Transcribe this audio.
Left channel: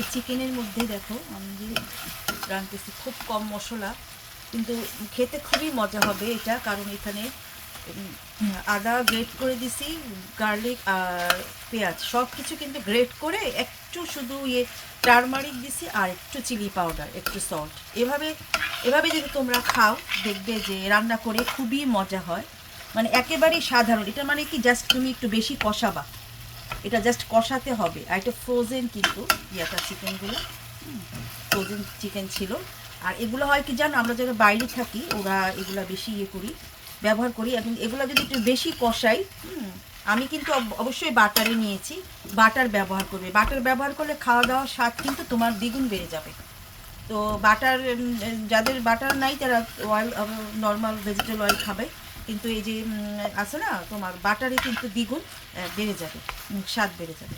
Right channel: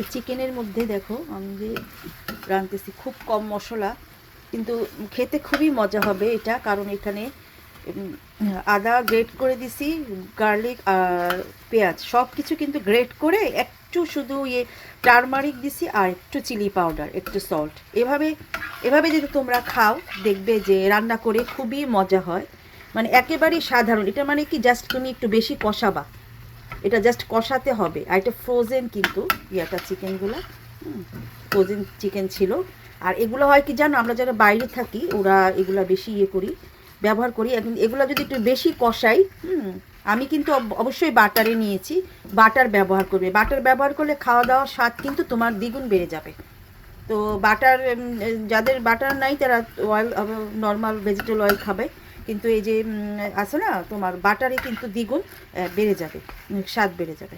এই চিকেনের মধ্যে দেখো আমি যে রাঁধতেছি খুব কম মশলা, কিন্তু খেতে খুবই মজা হবে এটা, কারণ এখানে আদা গ্রেট করে দিছি, গার্লিক আর পেঁয়াজ সব কিছু কিন্তু গ্রেট করে একটু শুধু টারমারিক দিছি আর একটু চিলি পাউডার, একটু সল্ট। এভাবে এভাবে যদি তোমরা খাও দেখবে যে রান্না করে খুবই মজা হয়, মানে একেবারেই সাধারণ। এটা মানে কি জাস্ট তুমি একটু বেশি কষাবা, এটা জাস্ট কষাতে হবে। আর এটা ফ্রোজেন কিন্তু ইয়েটা চিকেনগুলো ফ্রোজেন চিকেন ছিল। আর এগুলো হয় কি জানো, আমরা যারা বাইরে থাকি ওরা এগুলো বেশি করি, ব্যবহার করি। এবং এগুলো যদি একটু বেশি কষাই, আমি কিন্তু অবশ্যই বাটারে নিয়েছি, বাটার ব্যবহার করবে। বাটার ব্যবহার করলে খাওয়া দাওয়ার স্বাদ কিন্তু তোমার দ্বিগুণ বেড়ে যাবে। তো বাটার, যাদের বাটার নাই তারা অয়েল, নর্মাল ভেজিটেবল অয়েল খাবে, কিন্তু এই যে আছে না তোমার বাটারে কিন্তু দ্বিগুণ বেড়ে যাবে, স্বাদ বেড়ে যাবে।